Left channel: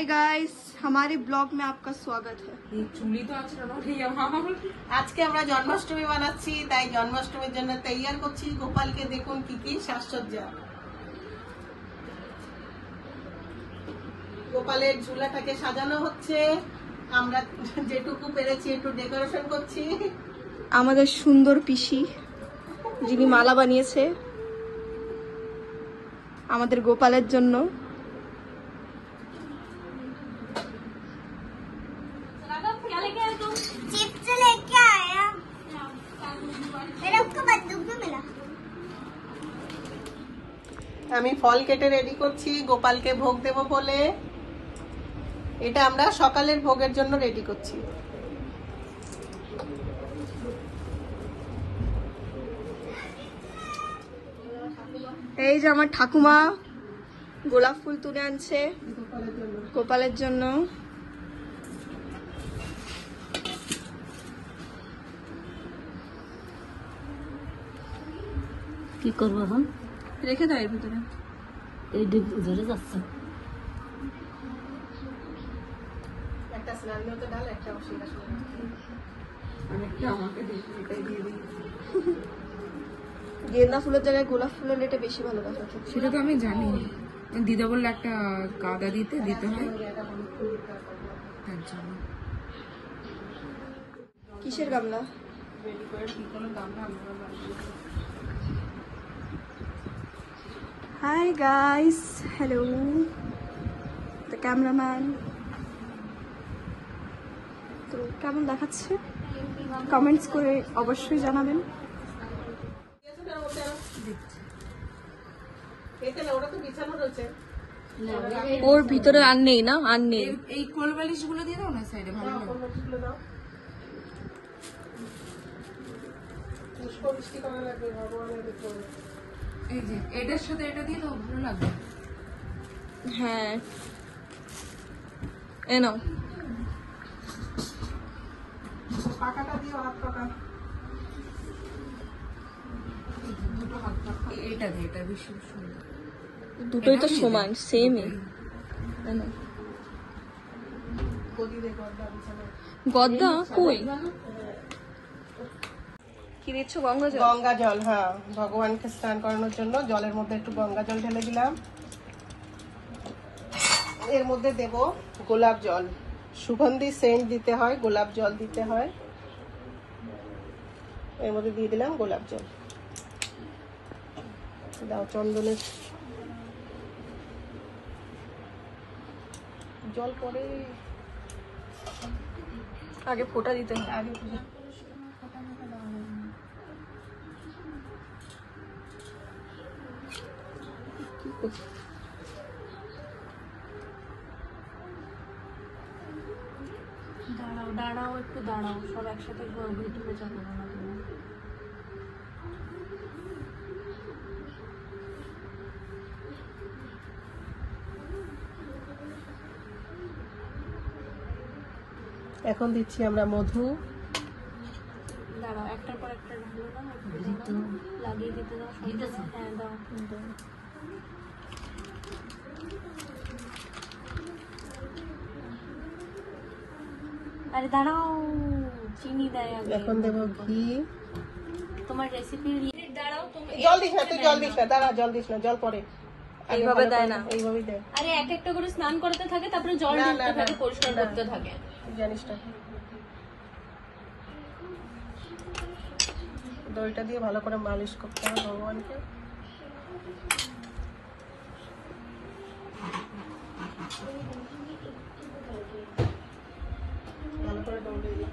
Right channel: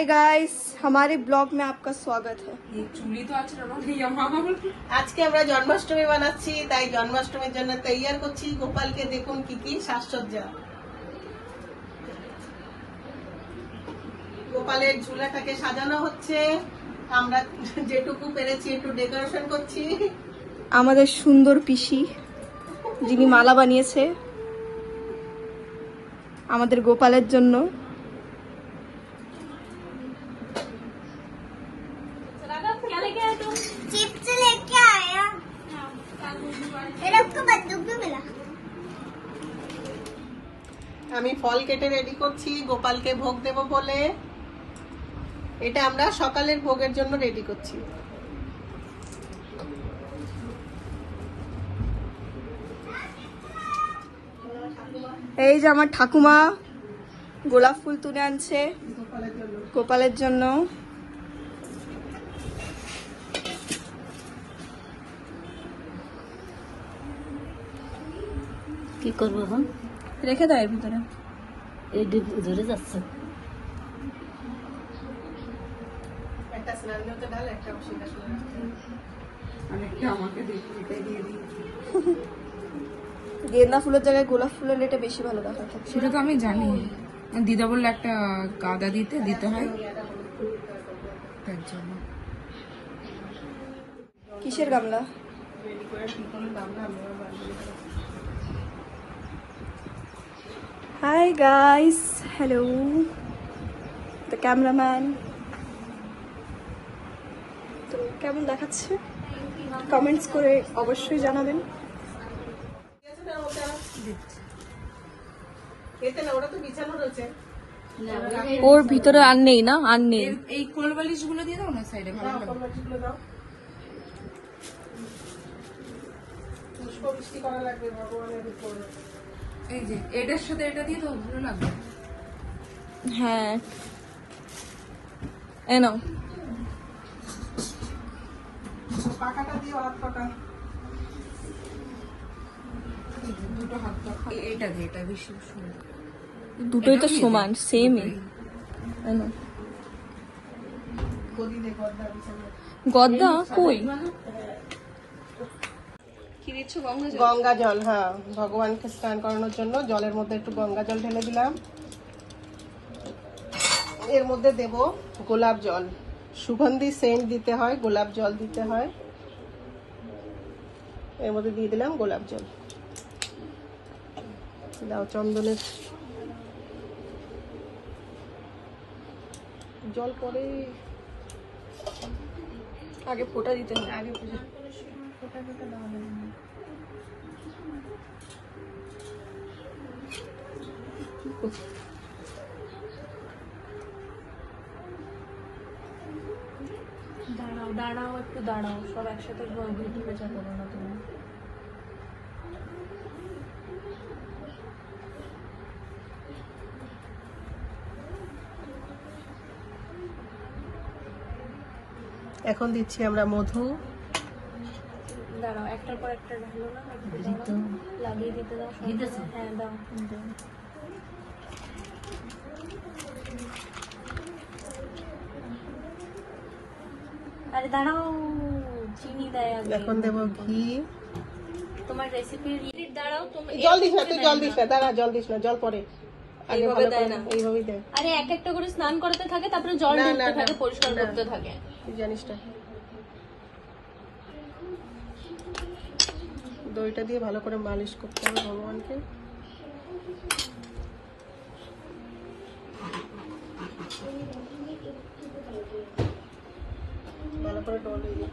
Hi guys, हमारे blog में आपका स्वागत है। আজকে আমরা জন্মাষ্টমী বানাচ্ছি, তাই জন্মাষ্টমীর জন্য তৈয়ার করছি। গোপালকে দেখুন কি কি সাজসজ্জা। গোপালের ঝুলাটাকে সাজানো হচ্ছে, আমরা যেটুকু পেরেছি একটু ডেকোরেশন করছি। আমাদের সুন্দর পিসি যিনি মালা বানিয়েছে আমাদের গোপালের জন্য। আমি ফল কেটে রেডি করছি গোপালকে ভোগ দেব বলে। এটা আমরা সকালের ভোগের জন্য রেডি করছি। এই যে আমার ঠাকুমা গোলাপ ফুল তুলে আনছে গোপালের জন্য। কি করবো এখন? রেখে দাও এর ভিতরে। এই ডিপ ধরে যাচ্ছে। গেন্দা ফুলের জায়গায় গোলাপ ফুলের এটা বেশি ভালো দেখাচ্ছে। সেটা তো আমি জানি, দিদা বললে একটা গাদা দিতে হয় তার জন্য। কিসের গামলা? Hi guys, hello the cameraman. তো কেমন দেখাচ্ছে কমেন্টস করে অবশ্যই জানাবেন। ওর ভিতরে আর নেই না, আর নেই। এই কোল বালিশ গুলো দিয়ে দাও না সাইডে, ভালো লাগবে। এই যে এটার সাথে এটা দিয়ে ভালো লাগবে। হ্যাঁ এনো পাকাটা দিয়ে হাত পাকা। দুটো হাত এটা দিয়ে, এটা বেশি সুন্দর। দুটোই তো সমান, সেমই। গদ্দা কই কি দিচ্ছ? গঙ্গা জল? গঙ্গা জল, হ্যাঁ, ভগবানকে স্নান করানোর জন্য জলের মধ্যে একটু গঙ্গা জল ঢেলে দিলাম। এর মধ্যে দেব গোলাপ জল। সুগন্ধি সেন্ট দিতে হয়, গোলাপ জল দিতে হয়। এর মধ্যে দিয়ে দিলাম গোলাপ জল। দাও চন্দনের জল করে আগে ফোঁটা দিতে হয়। আগে দাঁড়াও একটু দাঁড়াও, সব একসাথে ইউটিউবে চাপো না তুমি। এখন দিচ্ছি আমরা মধু। দাঁড়াও, একটার পর একটা হলো না, লাগিয়ে দিতে দাও। হ্যাঁ দাও। আরে দাঁড়াও, চিনি দেয় আগে। এখন দেব ঘি। তোমার রেসিপি দাঁড়াও, তুমি জল দিস না, তুই জল দিস না, দাঁড়া, জল দিস না, জল পরে। এইভাবে দেয় না, এইভাবেই দেয়। আরে এক একটা করে স্নান করতে থাকে, তারপরে জল ঢুকতে থাকে, পরিষ্কার করতে থাকে। জানিস না, দইটা দিয়ে ভালো করে মালিশ করতে হবে ভগবানকে। ভালো করে দই দিয়ে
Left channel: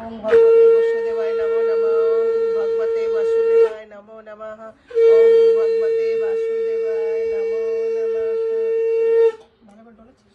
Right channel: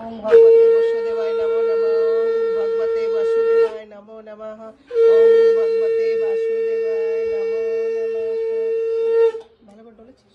वासुदेवाय नमो नमः। भगवते वासुदेवाय नमो नमः। ओम भगवते वासुदेवाय नमो नमः। ভালো করে বলেছিস?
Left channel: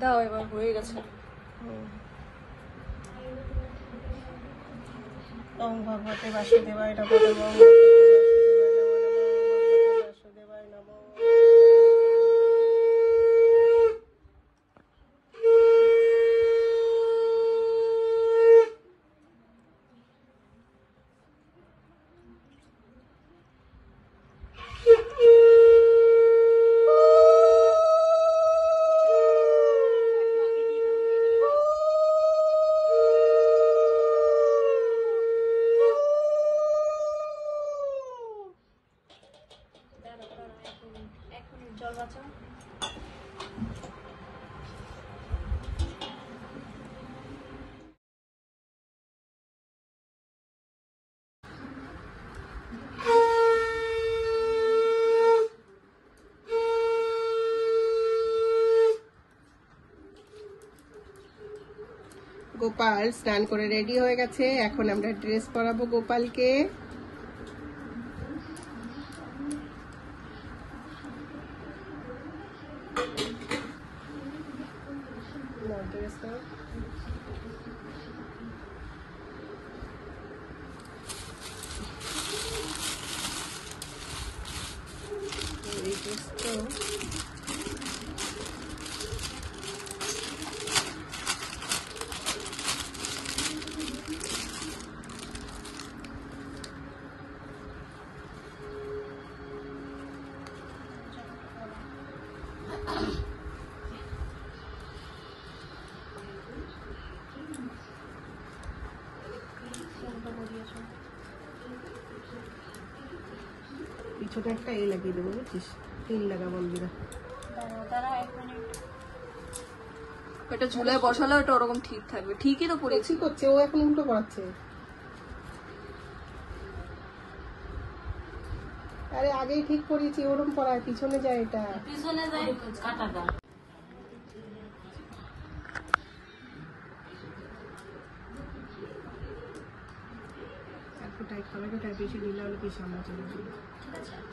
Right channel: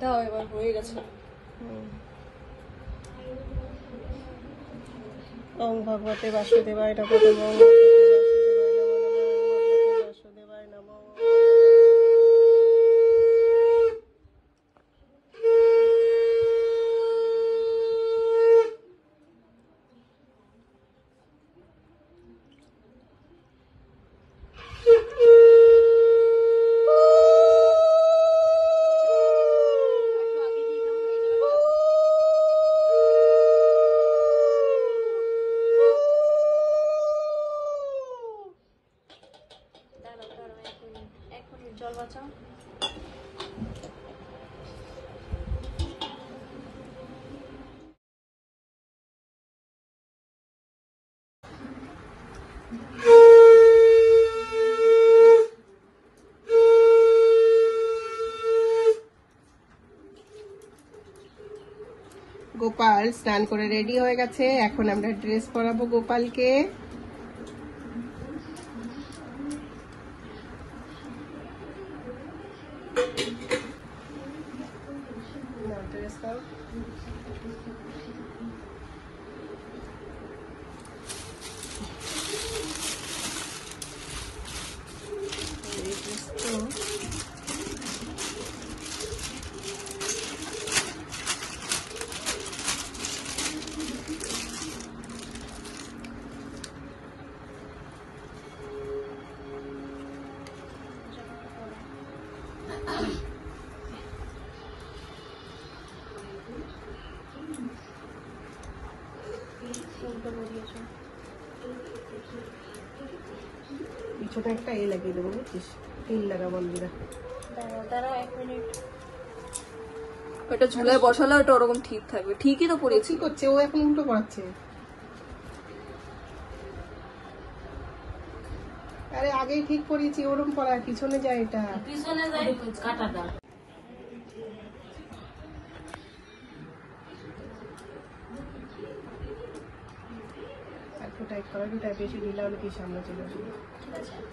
দাও, এবার হয়ে গেছে। ওং ভগবতে বাসুদেবায় নমঃ। জল বাঁচাও। গোপাল স্নান করে রেডি হয়ে গেছে। এখন আমরা ড্রেস পরাবো গোপালকে। পিছনে একটা লাগিয়ে দেবো, বুঝছিস? তিল লাগা বন্ধুরা। দাঁড়াও 1 মিনিট। এটা ঝুলায় বসালে ওটা ওরকম ঠিক থাকবে। ঠিকই তো পড়েছি। কি করছে ও? এখন উল্টো পড়াচ্ছে। আরে আগে ঠিক করেছি, ওরকম করার পিছনে যায়, এটা পিছনে যায় কাটাটা। একটু টাইট করাবি, তাই বেশি দিলে আমি কি সামনে চলে যাবো।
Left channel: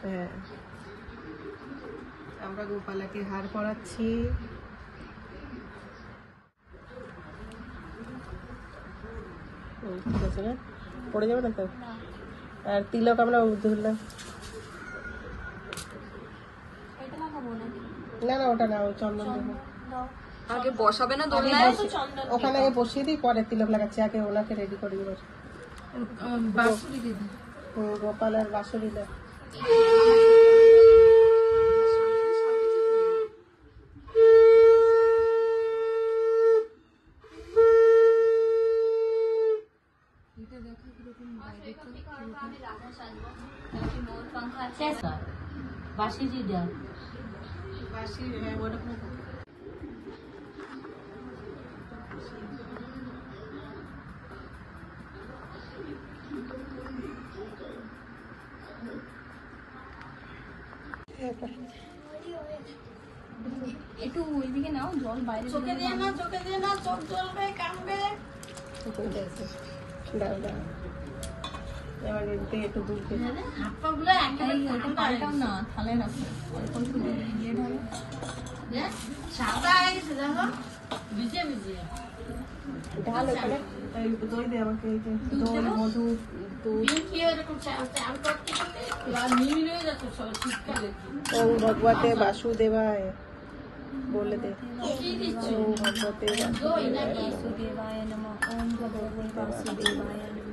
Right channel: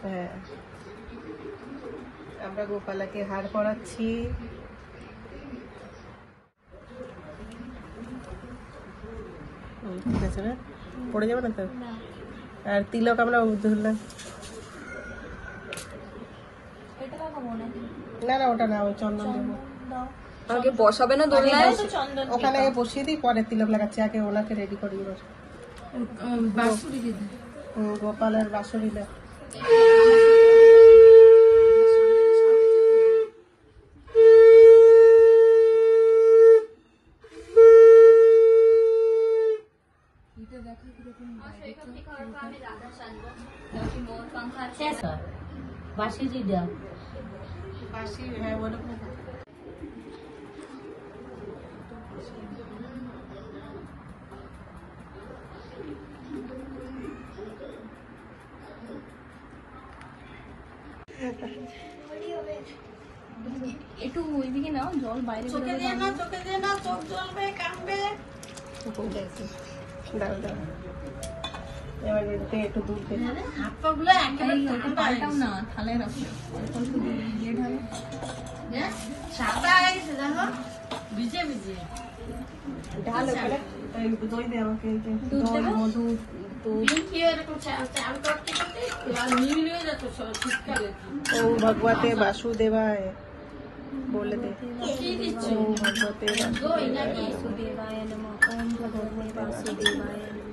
হ্যাঁ, আমরা গোপালাকে হার পরাচ্ছি। পড়ে যাবে না তো? আর তিলক আমরা ধরলাম। এটা রাখো মনে হয়। না না, ওটা নাও, চন্দন দাও। আগে বসাবে না দোলনায়? চন্দন ওখানে আগে বসিয়ে দিই, পরে তিলক লাগাচ্ছি। আগে ওনাকে রেডি করে নেবো। বাসুরি দিদি গোপালের বাঁশরি দাও। বাসি দিদা বাঁশি, হ্যাঁ বলো। একটু ওইদিকে নাও, জল বাইরে চোখে দিয়ে না, চোখে দিয়ে না, চোখ জ্বলবে, কাঁপবে। এবার এদিকে একটু দূর থেকে হাত পা গুলো ওইটা পাল্টাও না, থালায় রাখো। অল্প অল্প দিয়ে ঢালো। সাদা হয়েছে জানো, ভিজে ভিজে ঢাল। ওখানে এই দই দে আমাকে, এই যে দই, মধু, ওং ভগবতে বাসুদেবায় বলে দে। ওং ভগবতে বাসুদেবায় নমঃ। ওম ভগবতে বাসুদেবায় নমঃ।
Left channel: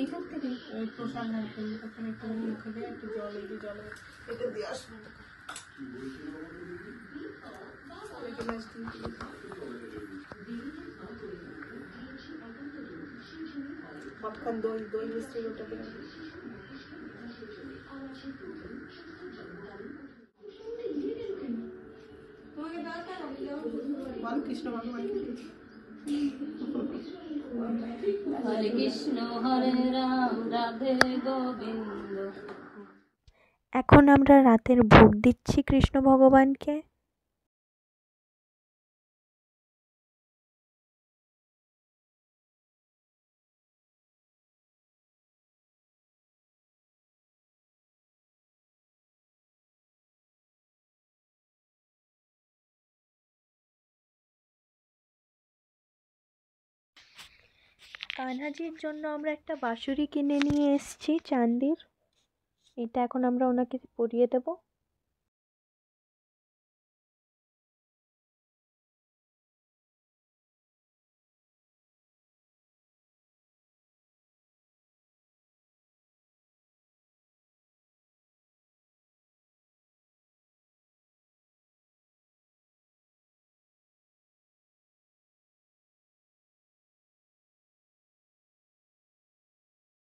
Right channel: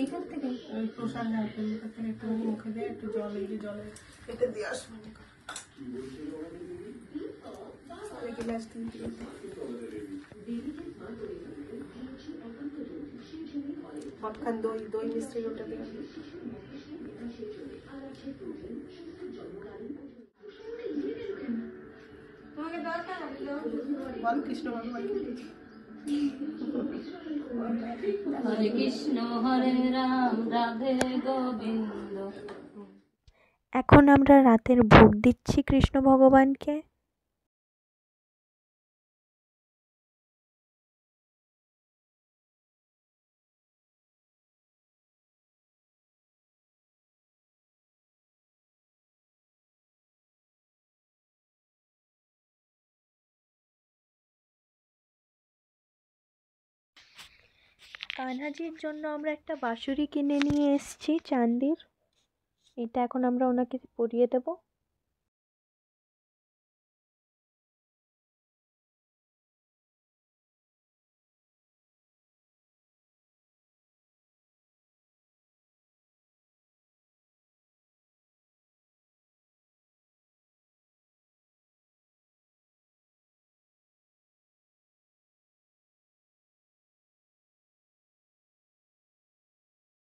এইখান থেকে ওই প্রসাদ হালকা একটু মুখে দিয়ে একটু জল এটা দিয়ে আসবো মাখন দই দই মিষ্টি ওটা দিয়ে তোমাকে দরকার বল কৃষ্ণ ভগবানকে হরে কৃষ্ণ হরে রাম রাধে গোবিন্দ। এখন আমরা রাতের ভোগ দিচ্ছি কৃষ্ণ ভগবানকে। কানহাজির জন্য আমরা একটা বাঁশুরি কিনে নিয়ে এসেছি চান্দির। এটা এখন আমরা ওনাকে পরিয়ে দেবো।